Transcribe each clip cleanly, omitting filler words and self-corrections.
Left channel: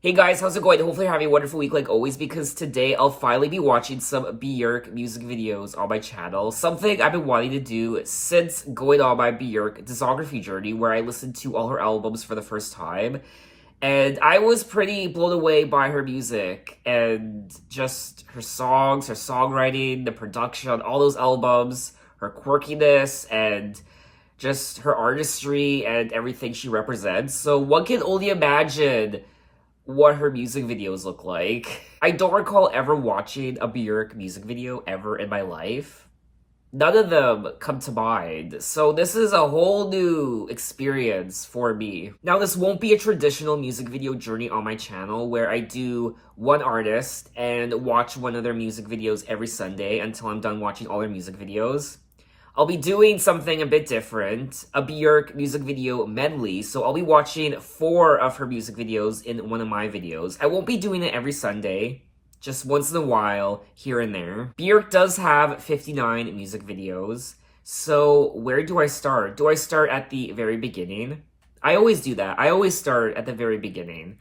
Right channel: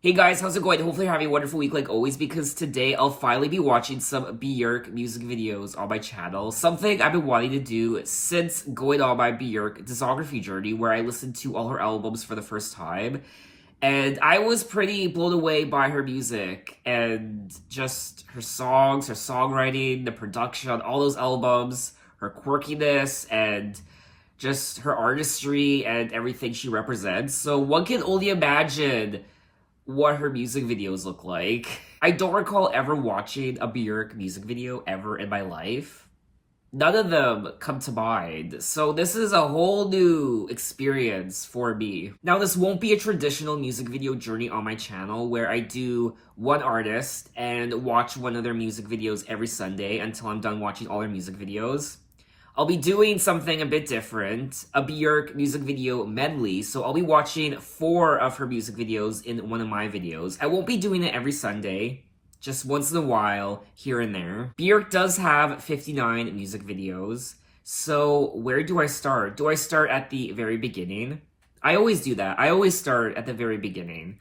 Hey guys, how's it going? Hopefully you're having a wonderful week like always, because today I'll finally be watching some Bjork music videos on my channel. Something I've been wanting to do since going on my Bjork discography journey, where I listened to all her albums for the first time. And I was pretty blown away by her music and just her songs, her songwriting, the production on all those albums, her quirkiness, and just her artistry and everything she represents. So one can only imagine what her music videos look like. I don't recall ever watching a Björk music video ever in my life. None of them come to mind, so this is a whole new experience for me. Now, this won't be a traditional music video journey on my channel where I do one artist and watch one of their music videos every Sunday until I'm done watching all their music videos. I'll be doing something a bit different, a Bjork music video medley, so I'll be watching 4 of her music videos in one of my videos. I won't be doing it every Sunday, just once in a while, here and there. Bjork does have 59 music videos, so where do I start? Do I start at the very beginning? I always do that. I always start at the very beginning.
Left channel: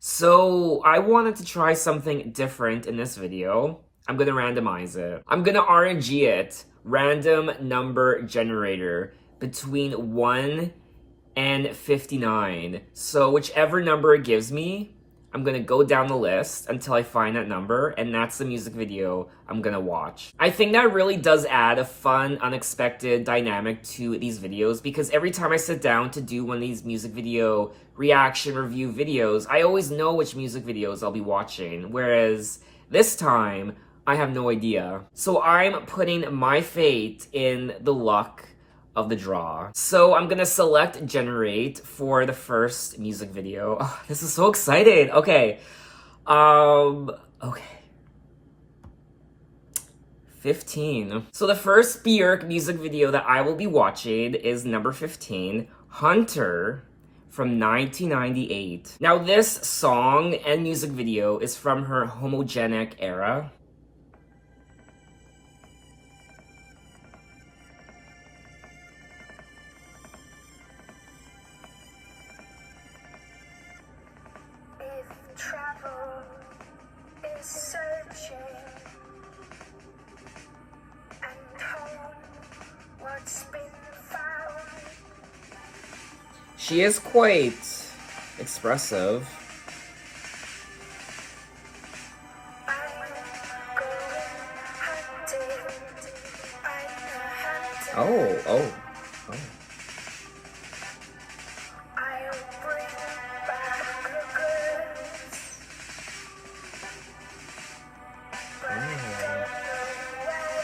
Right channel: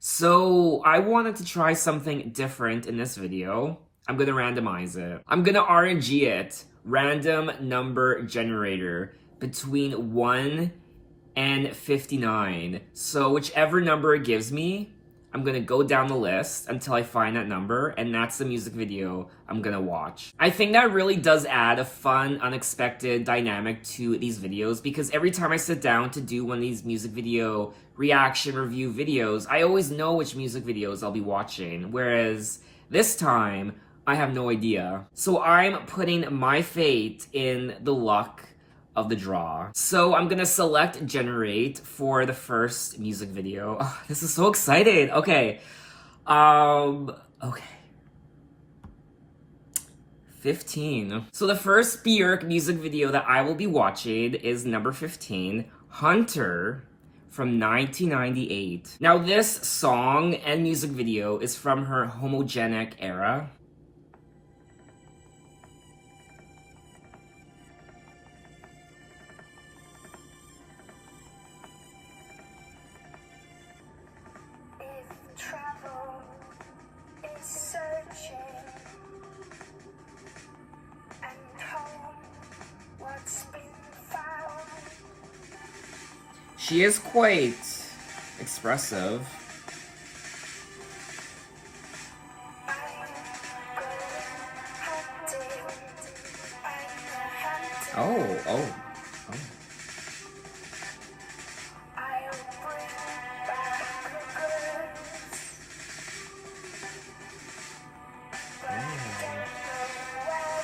So I wanted to try something different in this video. I'm gonna randomize it. I'm gonna RNG it. Random number generator between 1 and 59. So whichever number it gives me, I'm gonna go down the list until I find that number, and that's the music video I'm gonna watch. I think that really does add a fun, unexpected dynamic to these videos, because every time I sit down to do one of these music video reaction review videos, I always know which music videos I'll be watching, whereas this time, I have no idea. So I'm putting my fate in the luck of the draw. So I'm gonna select generate for the first music video. Oh, this is so exciting. Okay. Okay. 15. So the first Björk music video that I will be watching is number 15, Hunter, from 1998. Now this song and music video is from her homogenic era. Travel is searching and home what's been found. She is quite expressive. I'm going hunting. I'm a hunter. Oh. I'll bring back the goods. But I don't know when.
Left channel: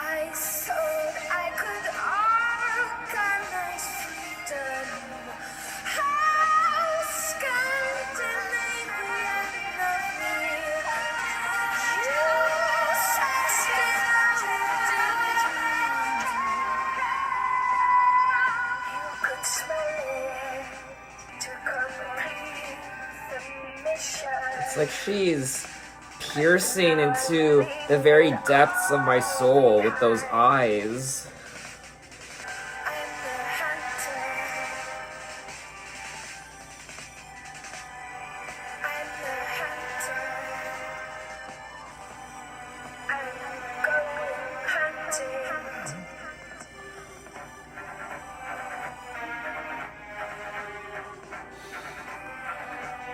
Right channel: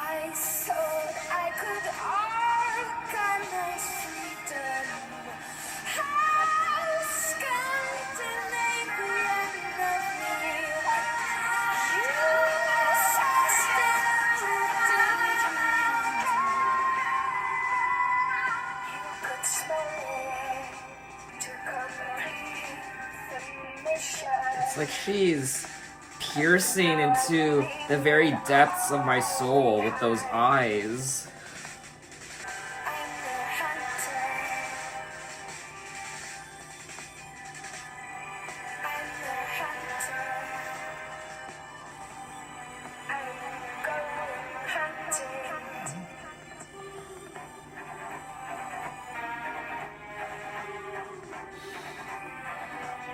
I thought I could organize freedom. How Scandinavian of me. You could smell it to complete the mission. It's like she's piercing into the very depths of my soul with those eyes. I'm the hunter. I'm the hunter. I'm going hunting. I'm the hunter.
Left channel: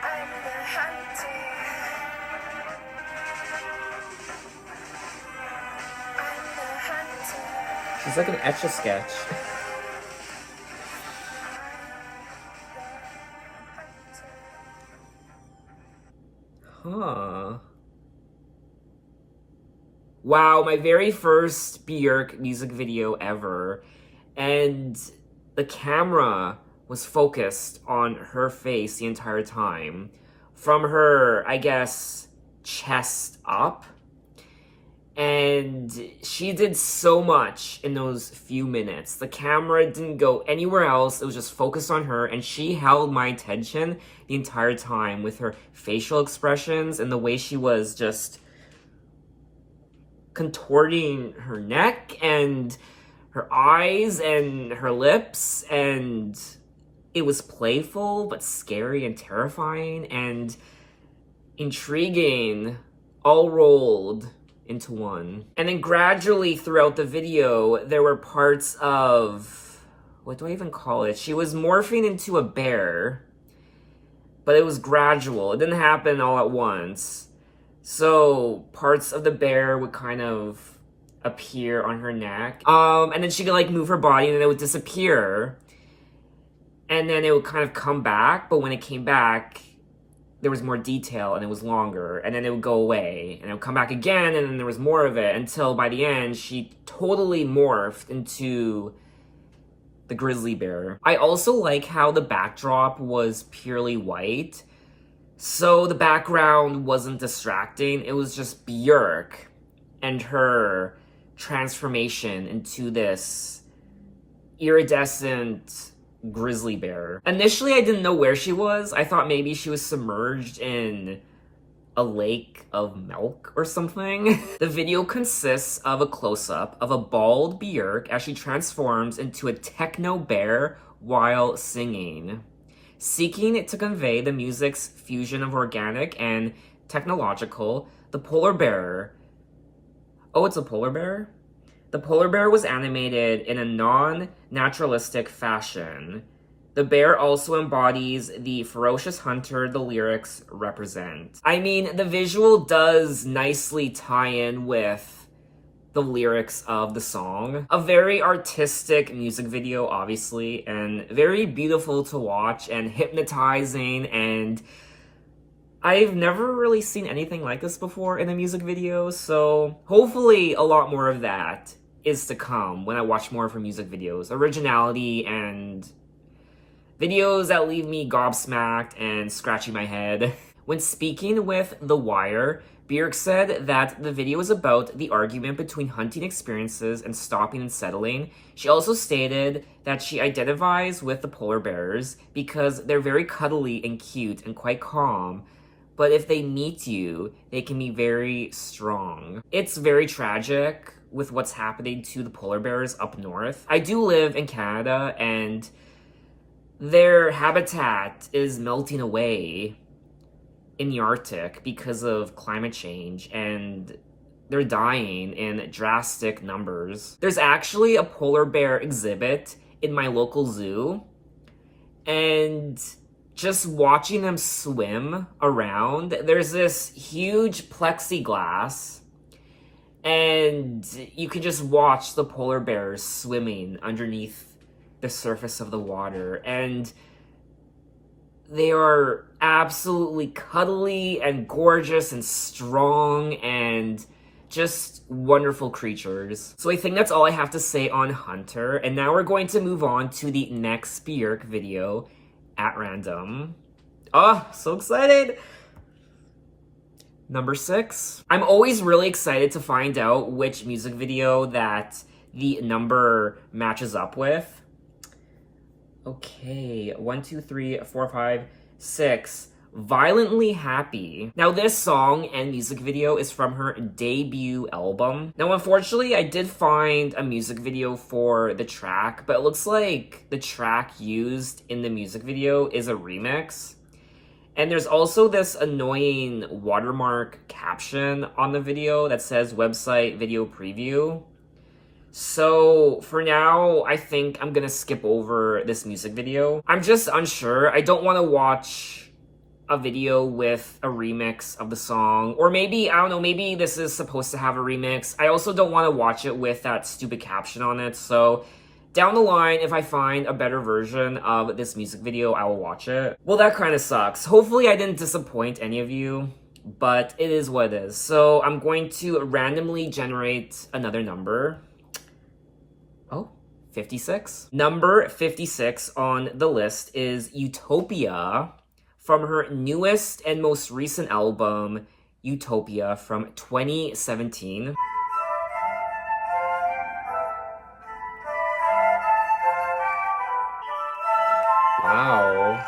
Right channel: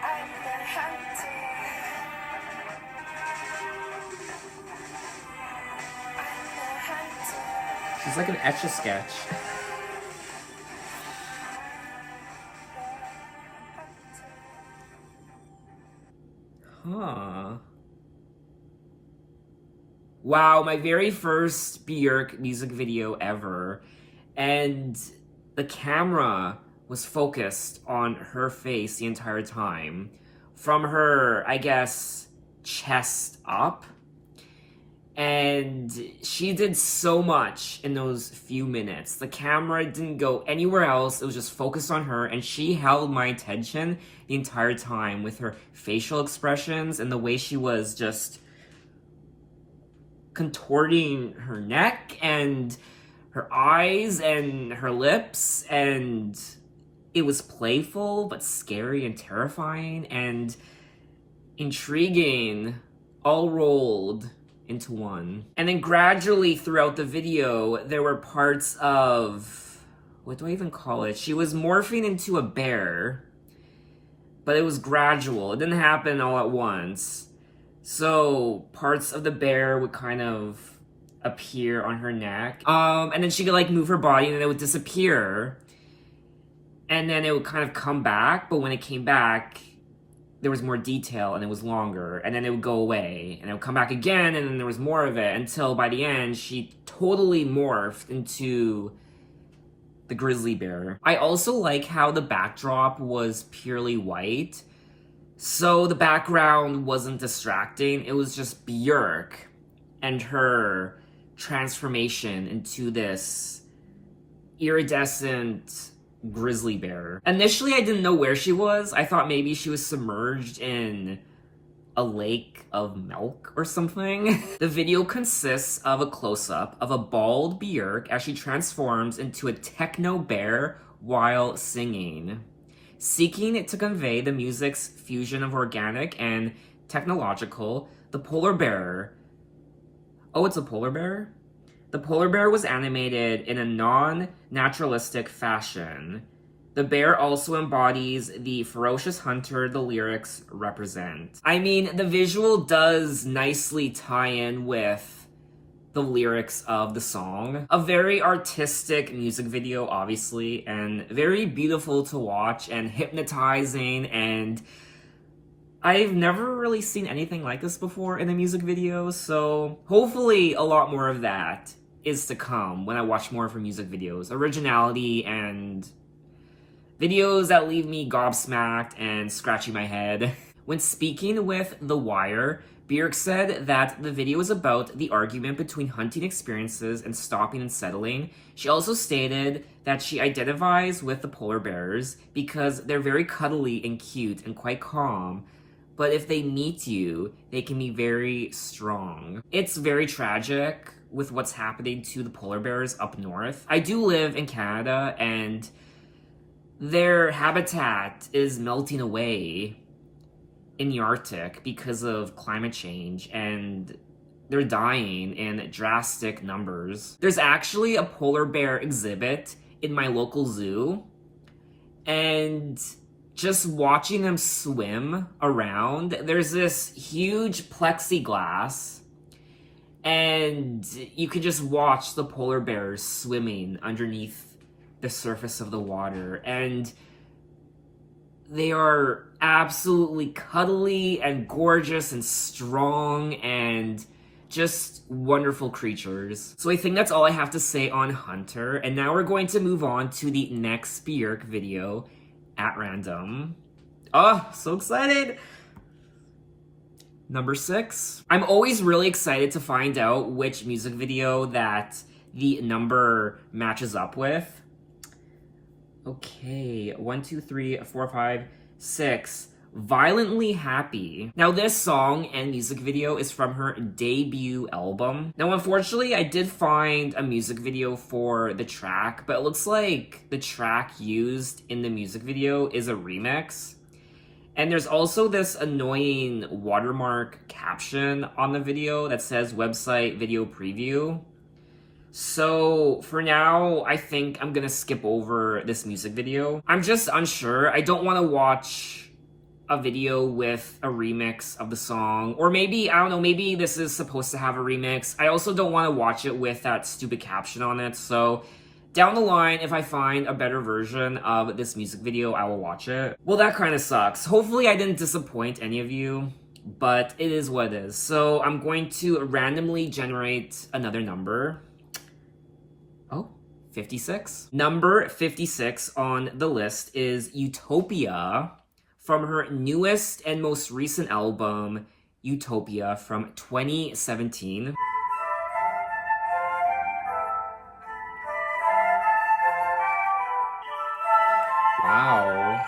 I'm the hunter. She's like an Etch-a-Sketch. Huh. Wow, my very first Björk music video ever. And the camera was focused on her face the entire time. From her, I guess, chest up. And she did so much in those few minutes. The camera didn't go anywhere else. It was just focused on her, and she held my attention the entire time with her facial expressions and the way she was just contorting her neck and her eyes and her lips, and it was playful but scary and terrifying and intriguing, all rolled into one. And then gradually throughout the video, there were parts of, what do I even call it? She was morphing into a bear, but it was gradual. It didn't happen all at once. So parts of the bear would kind of appear on her neck. And then she could like move her body and then it would disappear. And then it would kind of come back, but when it came back, there was more detail and it was longer, and then it would go away and it would come back again, and then there was more of it until by the end she totally morphed into the grizzly bear. I also like how the backdrop was purely white, so the background wasn't distracting. It was just Björk and her transformation into this iridescent grizzly bear. Initially, I didn't know where she was. I thought maybe she was submerged in a lake of milk or something. The video consists of a close-up of a bald Björk as she transforms into a techno bear while singing. Seeking to convey the music's fusion of organic and technological, the polar bear... Oh, it's a polar bear? The polar bear was animated in a non-naturalistic fashion. The bear also embodies the ferocious hunter the lyrics represent. I mean, the visual does nicely tie in with the lyrics of the song. A very artistic music video, obviously, and very beautiful to watch and hypnotizing, and I've never really seen anything like this before in a music video, so hopefully a lot more of that is to come when I watch more of her music videos. Originality and videos that leave me gobsmacked and scratching my head. When speaking with The Wire, Bjork said that the video is about the argument between hunting experiences and stopping and settling. She also stated that she identifies with the polar bears because they're very cuddly and cute and quite calm, but if they meet you, they can be very strong. It's very tragic with what's happening to the polar bears up north. I do live in Canada, and their habitat is melting away in the Arctic because of climate change, and they're dying in drastic numbers. There's actually a polar bear exhibit in my local zoo, and just watching them swim around, there's this huge plexiglass, and you can just watch the polar bears swimming underneath the surface of the water, and they are absolutely cuddly and gorgeous and strong and just wonderful creatures. So I think that's all I have to say on Hunter, and now we're going to move on to the next Björk video at random. Oh, so excited! Number 6. I'm always really excited to find out which music video that the number matches up with. Okay, 1, 2, 3, 4, 5, 6. Violently Happy. Now this song and music video is from her debut album. Now unfortunately I did find a music video for the track, but it looks like the track used in the music video is a remix. And there's also this annoying watermark caption on the video that says website video preview. So for now, I think I'm gonna skip over this music video. I'm just unsure. I don't want to watch a video with a remix of the song. Or maybe, I don't know, maybe this is supposed to have a remix. I also don't want to watch it with that stupid caption on it. So down the line, if I find a better version of this music video, I will watch it. Well, that kind of sucks. Hopefully I didn't disappoint any of you, but it is what it is. So I'm going to randomly generate another number. Oh, 56. Number 56 on the list is Utopia from her newest and most recent album, Utopia, from 2017. Wow.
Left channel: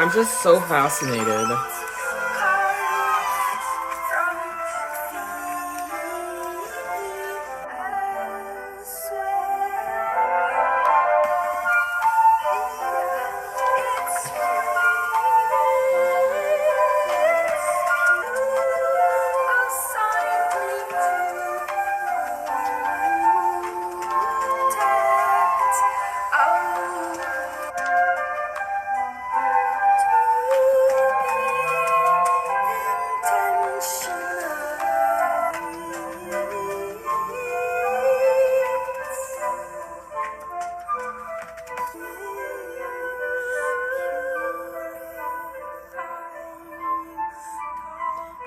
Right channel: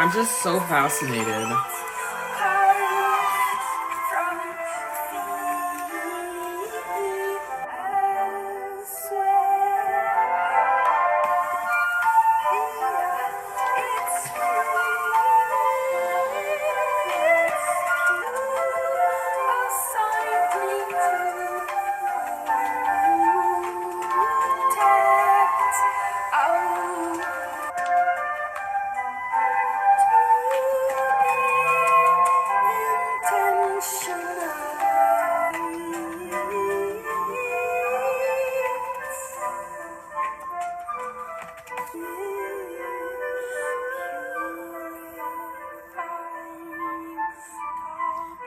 I'm just so fascinated.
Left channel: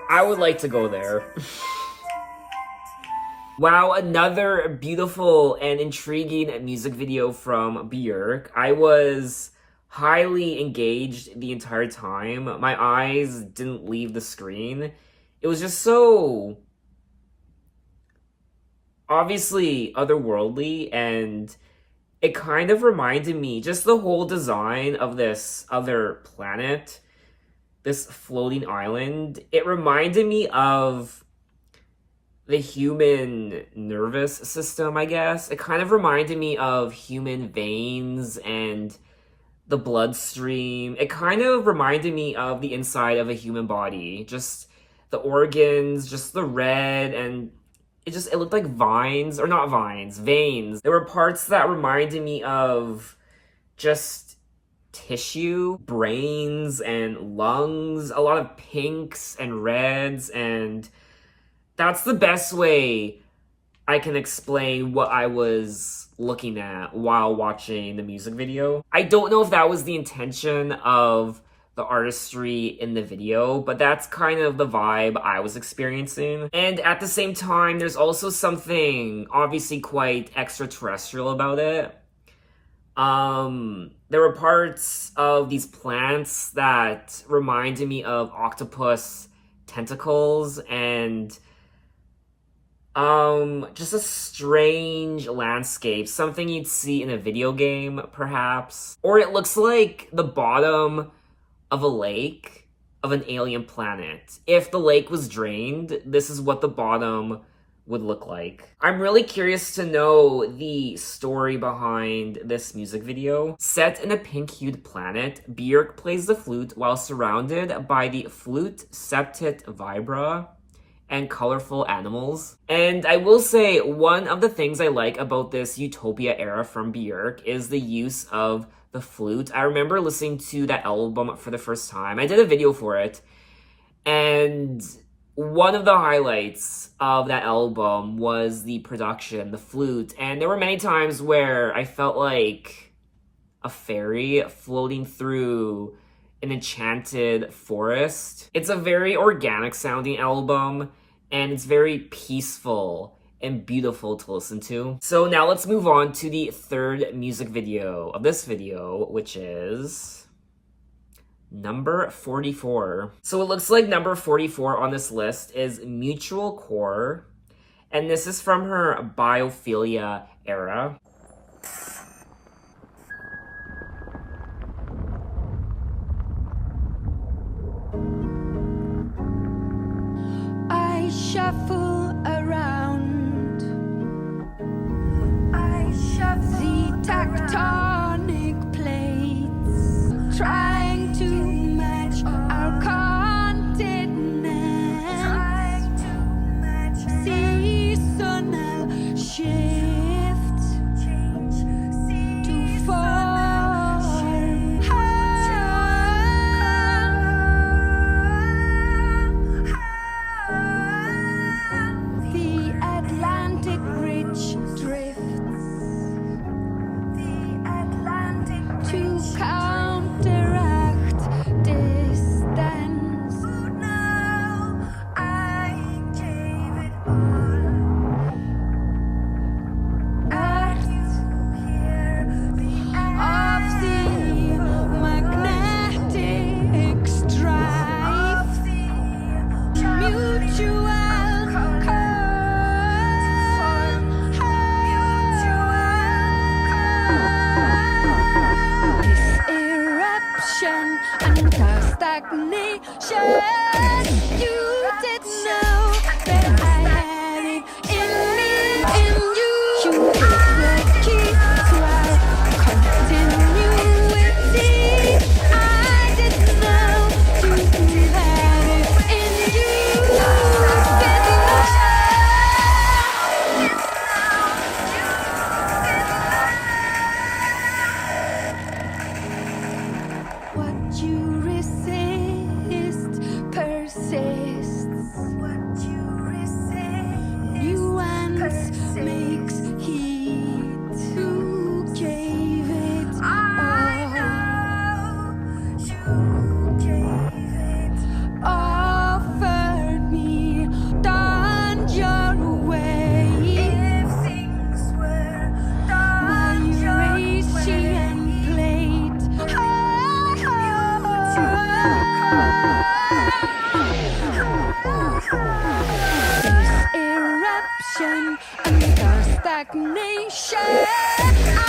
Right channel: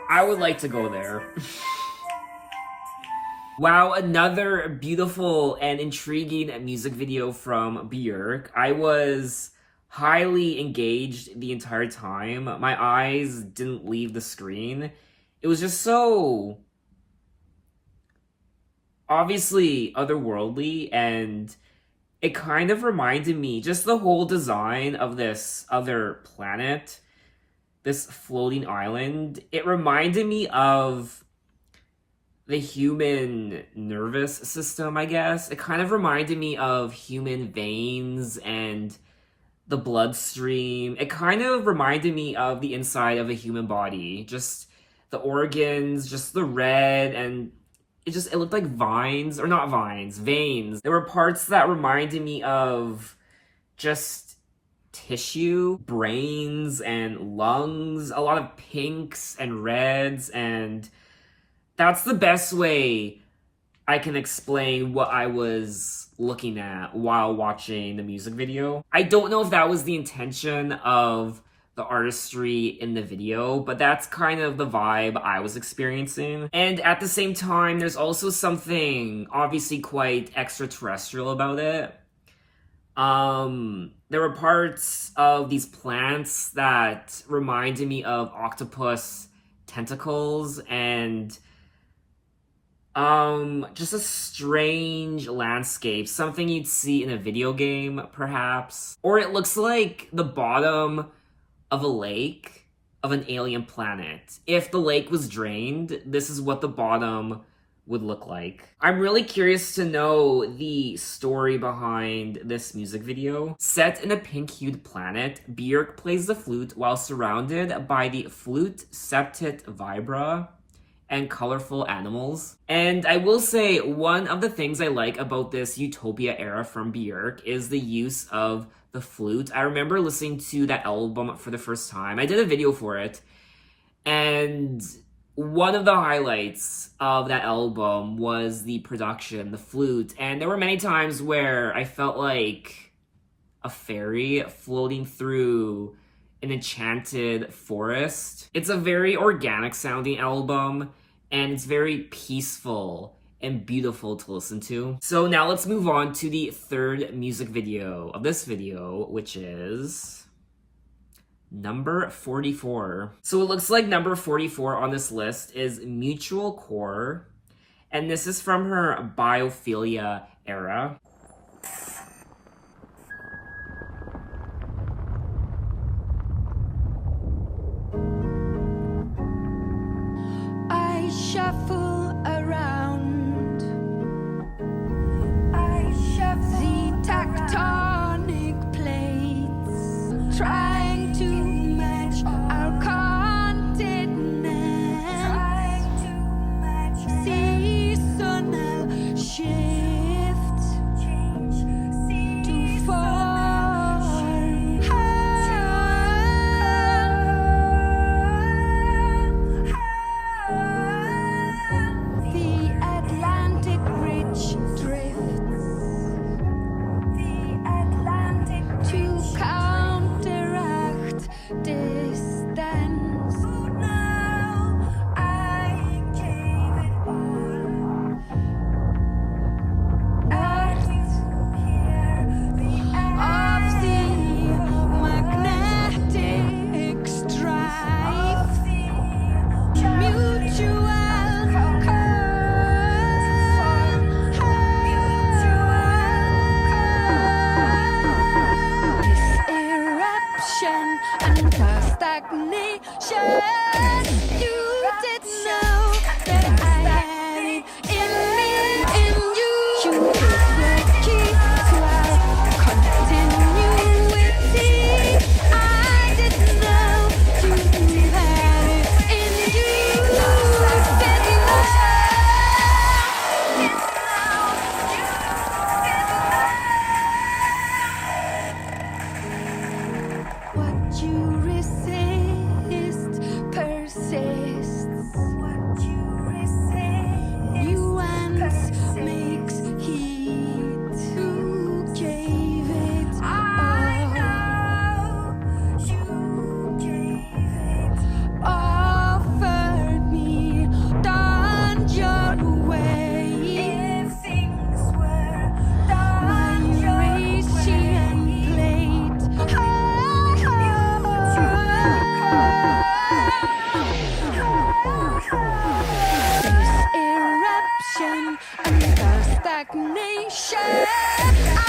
I would like to go there. Wow, another beautiful and intriguing music video from Björk. I was highly engaged the entire time. My eyes didn't leave the screen. It was just so obviously otherworldly, and it kind of reminded me, just the whole design of this other planet, this floating island, it reminded me of the human nervous system, I guess. It kind of reminded me of human veins and the bloodstream. It kind of reminded me of the inside of a human body. Just the organs, just the red, and it looked like vines, or not vines, veins. There were parts that reminded me of just tissue, brains and lungs, a lot of pinks and reds, and that's the best way I can explain what I was looking at while watching the music video. I don't know if that was the intention of the artistry in the video, but that's kind of the vibe I was experiencing. And at the same time, there's also something obviously quite extraterrestrial about it. There were parts of these plants that reminded me of octopus tentacles, and just a strange landscape, something you'd see in a video game, perhaps. Or it looks like the bottom of a lake of an alien planet. If the lake was drained, this is what the bottom would look like. I'm really curious to know the story behind this music video. Set in a pink-hued planet, Björk plays the flute while surrounded by the flute septet vibra and colorful animals. And I will say, one of the things I like about this Utopia era from Björk is the use of the flute. I remember listening to that album for the first time. I did a video for it, and one of the highlights of that album was the production, the flute, and there were many times where I felt like a fairy floating through an enchanted forest. It's a very organic sounding album, and it's very peaceful and beautiful to listen to. So now let's move on to the third music video of this video, which is number 44. So it looks like number 44 on this list is Mutual Core, and this is from her Biophilia era. I shuffle around. I shuffle the tectonic plates, trying to match our continent. Trying to match seasonal shift to form. The Atlantic Ridge drifts. The Atlantic to counteract distance. Now I gave it all. Earth of the magnetic strife. Mutual this eruption and You didn't know that I had it in me, in you. You hit the key to our continuity. I didn't know you had it in you. Didn't know. What you resist persists. What you resist. Nuance makes heat. Who gave it all? You gave it. Offered me, done your way. If things were done my Eurasian plate. Face eruption under stagnation. I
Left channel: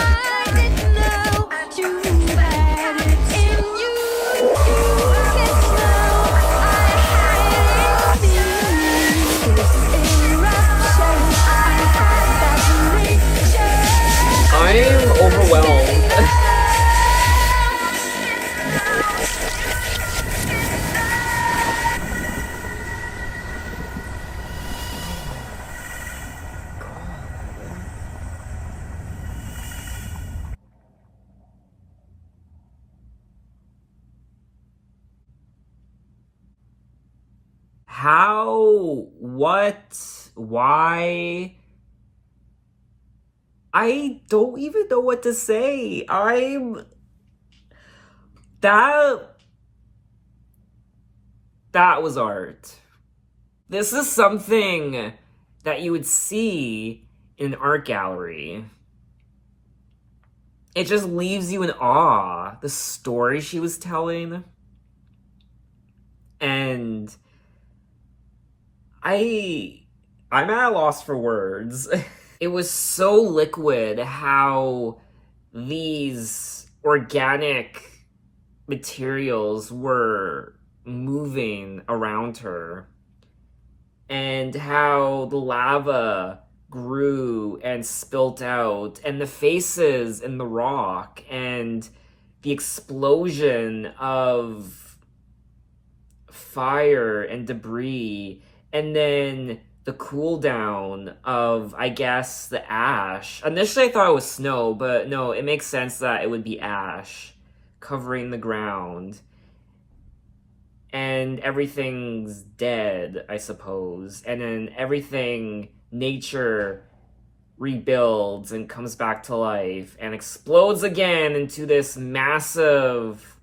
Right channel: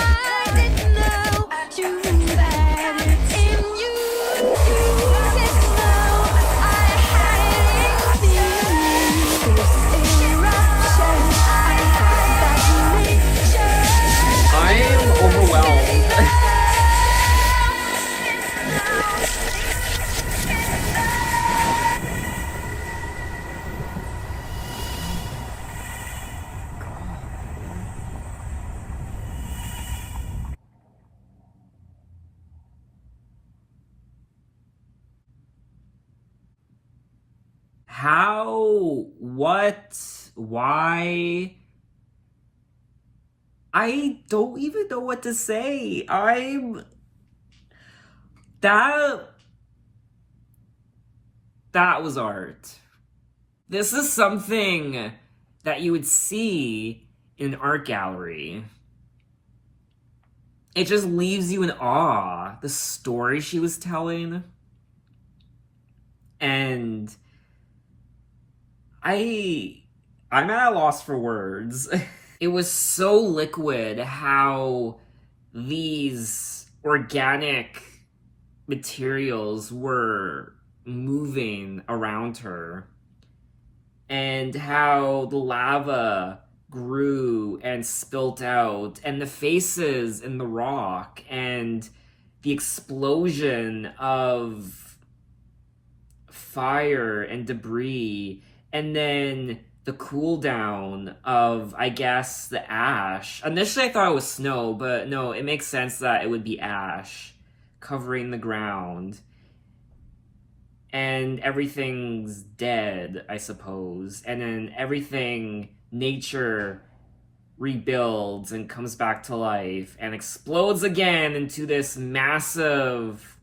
didn't know you had it in you. You didn't know I had it in me. Face eruption under stagnation. I am overwhelmed. How? What? Why? I don't even know what to say. That was art. This is something that you would see in an art gallery. It just leaves you in awe. The story she was telling. And I'm at a loss for words. It was so liquid how these organic materials were moving around her, and how the lava grew and spilt out, and the faces in the rock, and the explosion of fire and debris, and then the cool down of, I guess, the ash. Initially I thought it was snow, but no, it makes sense that it would be ash covering the ground. And everything's dead, I suppose. And then everything, nature rebuilds and comes back to life and explodes again into this massive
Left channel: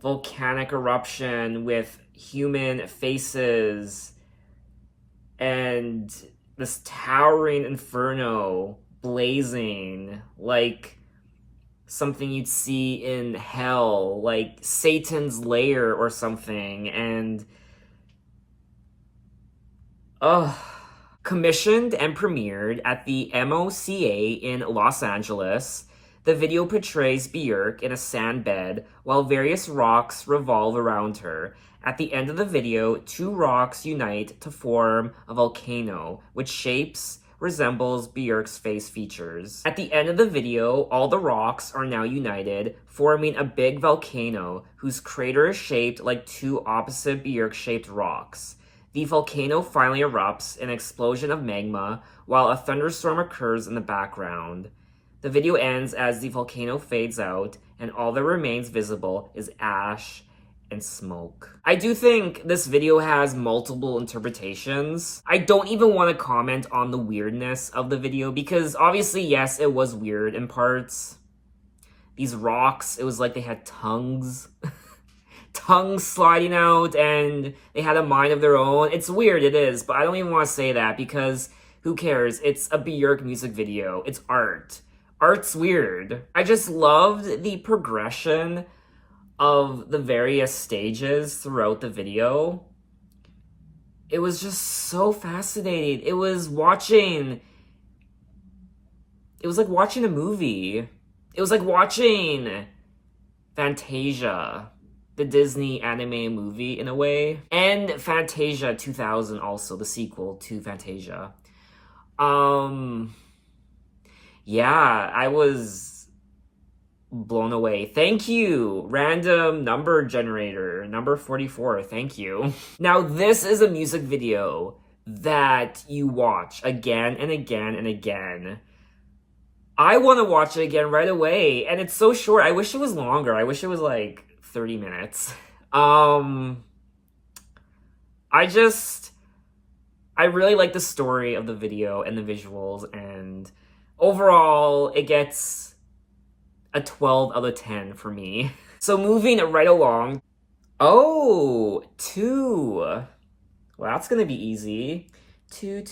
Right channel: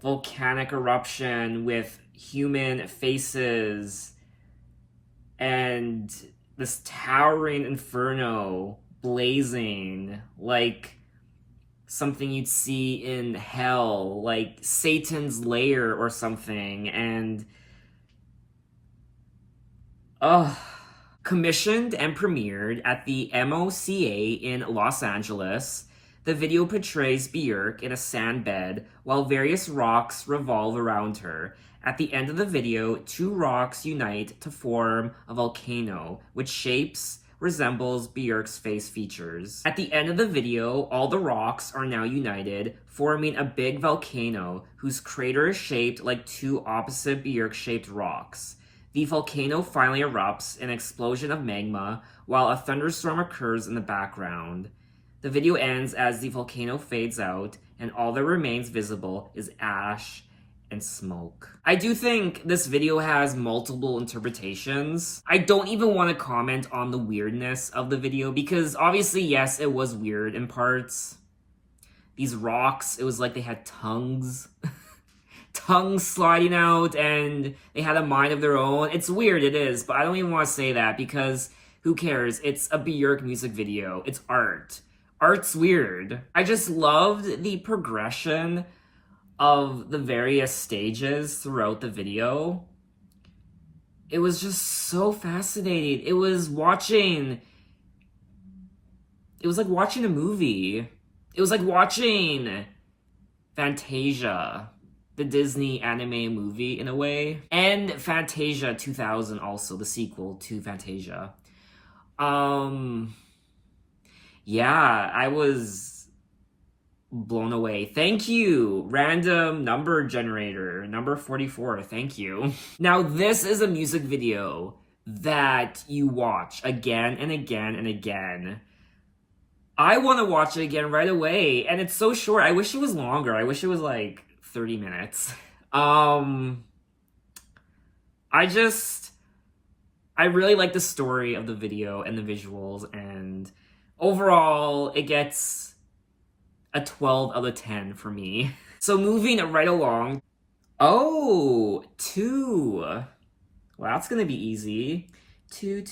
volcanic eruption with human faces and this towering inferno blazing like something you'd see in hell, like Satan's lair or something. And commissioned and premiered at the MOCA in Los Angeles, the video portrays Björk in a sand bed while various rocks revolve around her. At the end of the video, two rocks unite to form a volcano, which shapes resembles Björk's face features. At the end of the video, all the rocks are now united, forming a big volcano whose crater is shaped like two opposite Björk-shaped rocks. The volcano finally erupts in an explosion of magma, while a thunderstorm occurs in the background. The video ends as the volcano fades out, and all that remains visible is ash and smoke. I do think this video has multiple interpretations. I don't even want to comment on the weirdness of the video because obviously, yes, it was weird in parts. These rocks, it was like they had tongues. Tongues sliding out and they had a mind of their own. It's weird, it is, but I don't even want to say that because who cares? It's a Björk music video. It's art. Art's weird. I just loved the progression of the various stages throughout the video. It was just so fascinating. It was like watching a movie. It was like watching Fantasia. the Disney anime movie in a way. And Fantasia 2000 also, the sequel to Fantasia. Yeah, I was blown away. Thank you, random number generator, number 44, thank you. Now, this is a music video that you watch again and again and again. I want to watch it again right away, and it's so short. I wish it was longer. I wish it was like 30 minutes. I really like the story of the video and the visuals, and overall, it gets a 12 out of 10 for me. So moving right along. Oh, 2. Well, that's gonna be easy. 2.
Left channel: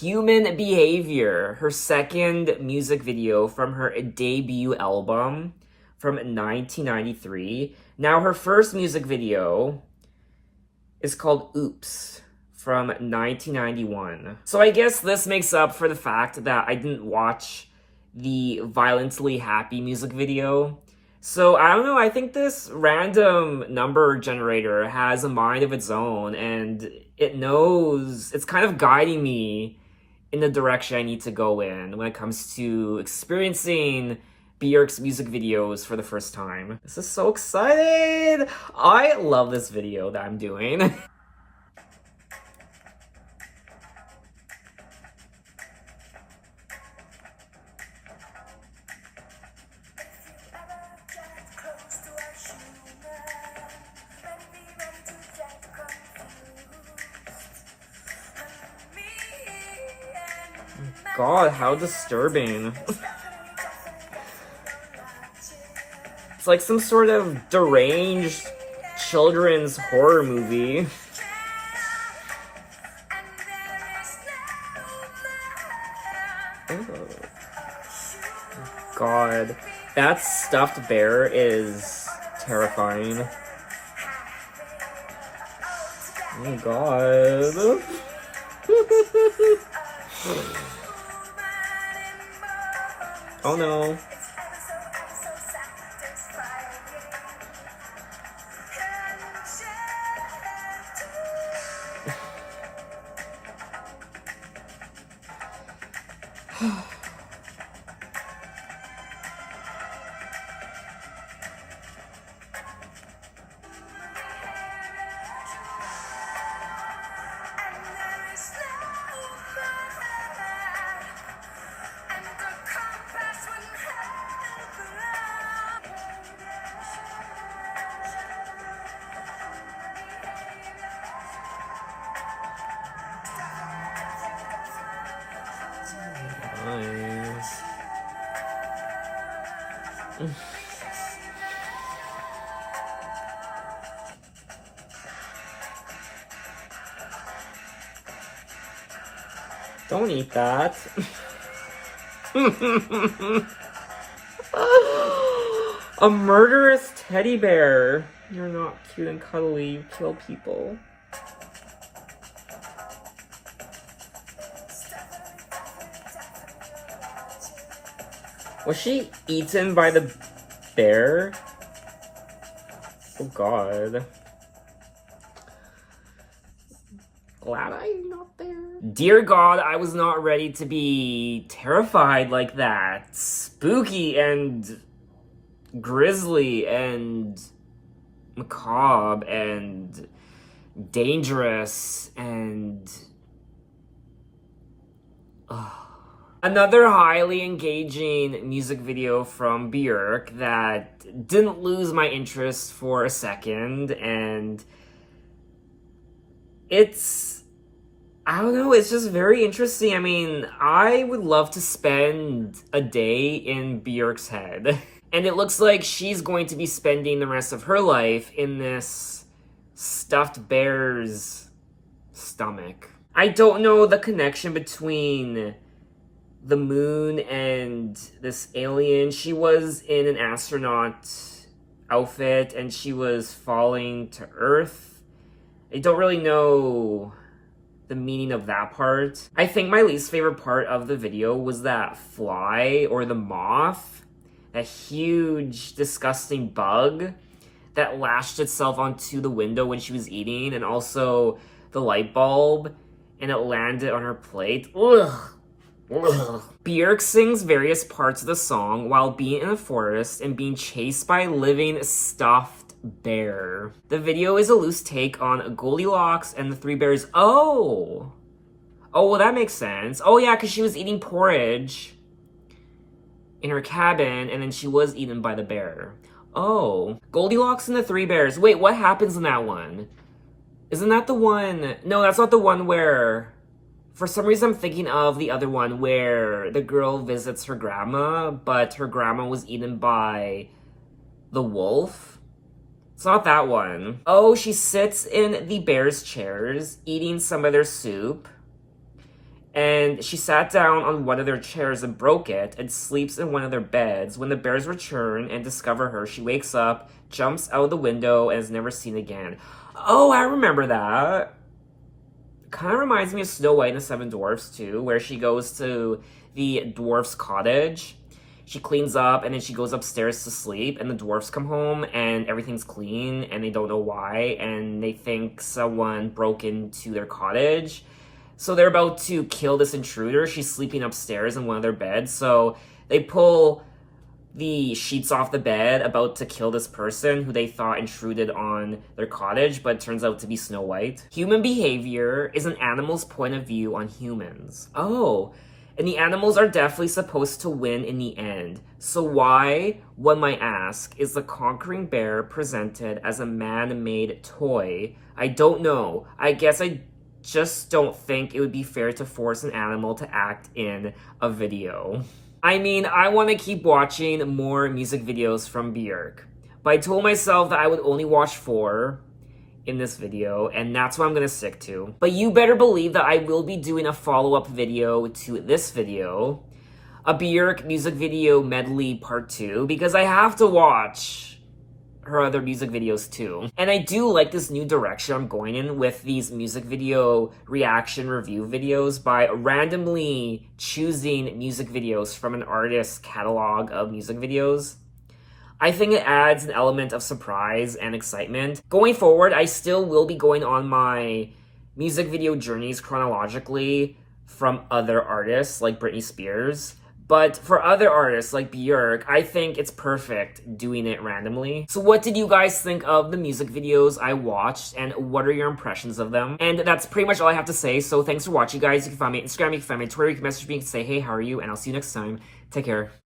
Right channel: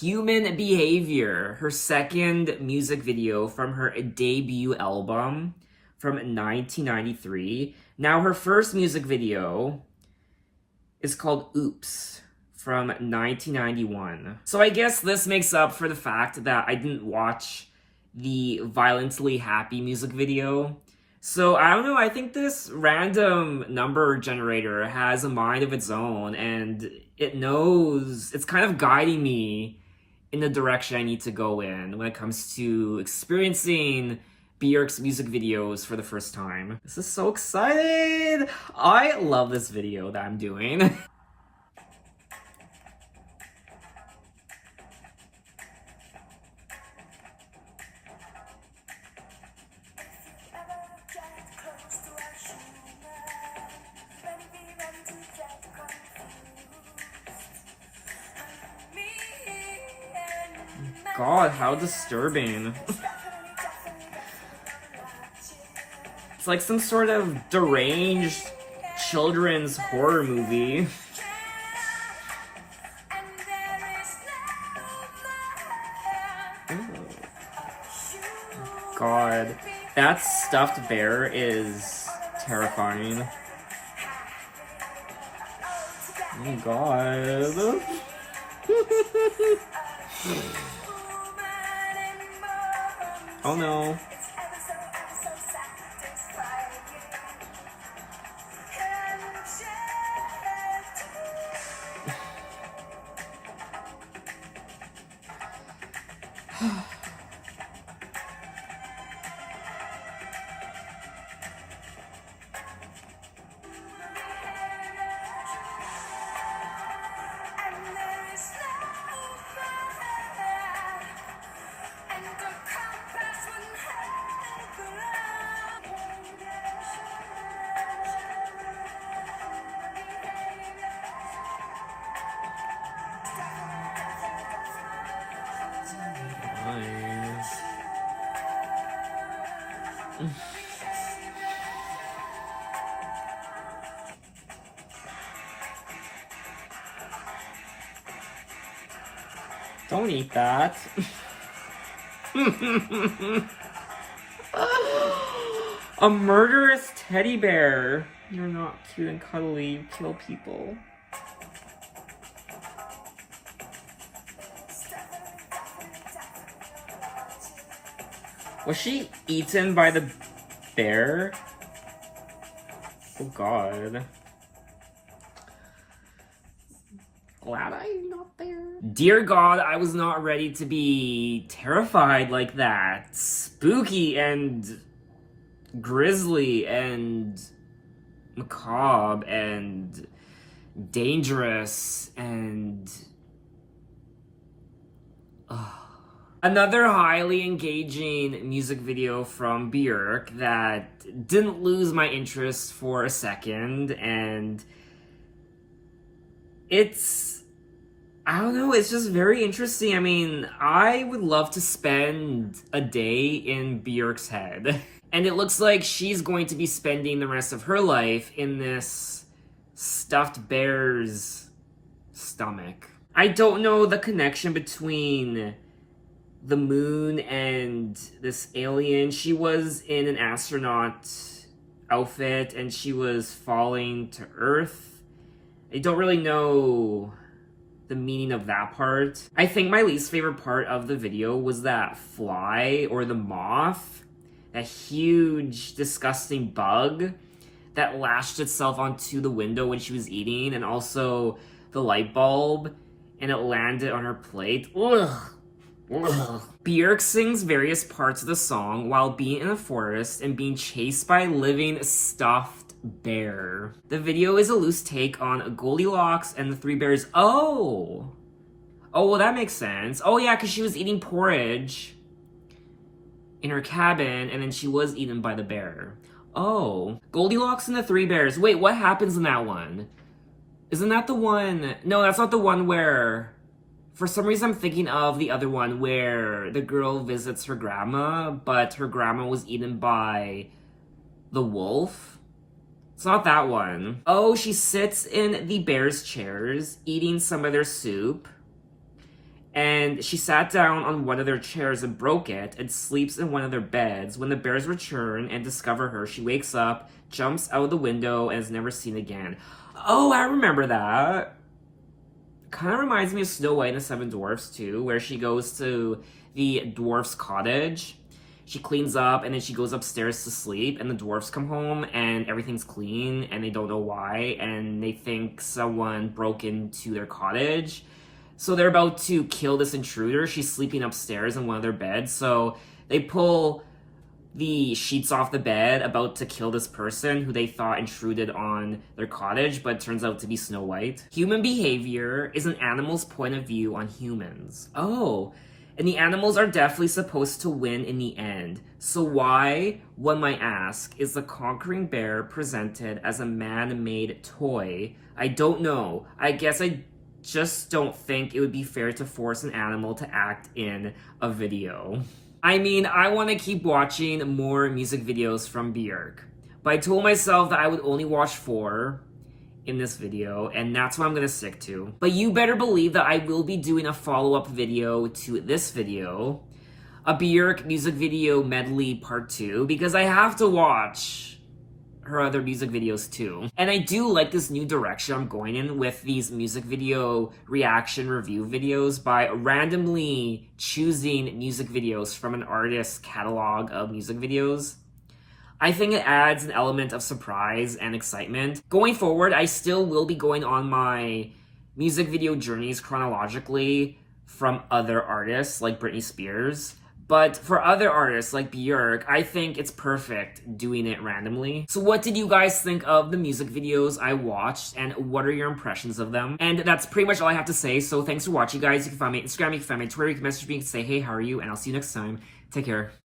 Human Behavior, her second music video from her debut album from 1993. Now, her first music video is called Oops from 1991. So I guess this makes up for the fact that I didn't watch the Violently Happy music video. So I don't know, I think this random number generator has a mind of its own, and it knows, it's kind of guiding me in the direction I need to go in when it comes to experiencing Bjork's music videos for the first time. This is so excited! I love this video that I'm doing. God, how disturbing. It's like some sort of deranged children's horror movie. Oh. God, that stuffed bear is terrifying. Oh my God. Oh no. Don't eat that. A murderous teddy bear. You're not cute and cuddly. Kill people. Was she eaten by the bear? Oh God. Glad I'm not there. Dear God, I was not ready to be terrified like that. Spooky and grisly and macabre and dangerous and... Another highly engaging music video from Björk that didn't lose my interest for a second, and it's, I don't know, it's just very interesting. I mean, I would love to spend a day in Björk's head, and it looks like she's going to be spending the rest of her life in this stuffed bear's stomach. I don't know the connection between the moon and this alien. She was in an astronaut outfit and she was falling to Earth. I don't really know the meaning of that part. I think my least favorite part of the video was that fly or the moth, that huge disgusting bug that lashed itself onto the window when she was eating, and also the light bulb, and it landed on her plate. Ugh. Ugh. Björk sings various parts of the song while being in a forest and being chased by a living stuffed bear. The video is a loose take on Goldilocks and the three bears. Oh, well, that makes sense. Oh, yeah, because she was eating porridge in her cabin, and then she was eaten by the bear. Oh, Goldilocks and the three bears. Wait, what happens in that one? Isn't that the one? No, that's not the one where... For some reason, I'm thinking of the other one where the girl visits her grandma, but her grandma was eaten by the wolf. It's not that one. Oh, she sits in the bear's chairs, eating some of their soup. And she sat down on one of their chairs and broke it and sleeps in one of their beds. When the bears return and discover her, she wakes up, jumps out the window, and is never seen again. Oh, I remember that. Kind of reminds me of Snow White and the Seven Dwarfs too, where she goes to the dwarf's cottage. She cleans up and then she goes upstairs to sleep, and the dwarfs come home and everything's clean and they don't know why, and they think someone broke into their cottage. So they're about to kill this intruder. She's sleeping upstairs in one of their beds, so they pull the sheets off the bed, about to kill this person who they thought intruded on their cottage, but turns out to be Snow White. Human behavior is an animal's point of view on humans. Oh, and the animals are definitely supposed to win in the end. So why, one might ask, is the conquering bear presented as a man-made toy? I don't know. I guess I just don't think it would be fair to force an animal to act in a video. I mean, I want to keep watching more music videos from Björk, but I told myself that I would only watch 4 in this video, and that's what I'm going to stick to. But you better believe that I will be doing a follow-up video to this video, a Björk music video medley part 2, because I have to watch her other music videos too. And I do like this new direction I'm going in with these music video reaction review videos by randomly choosing music videos from an artist's catalog of music videos. I think it adds an element of surprise and excitement. Going forward, I still will be going on my music video journeys chronologically from other artists like Britney Spears. But for other artists like Björk, I think it's perfect doing it randomly. So what did you guys think of the music videos I watched, and what are your impressions of them? And that's pretty much all I have to say. So thanks for watching, guys. You can find me on Instagram, you can find me on Twitter, you can message me, you can say, hey, how are you? And I'll see you next time. Take care.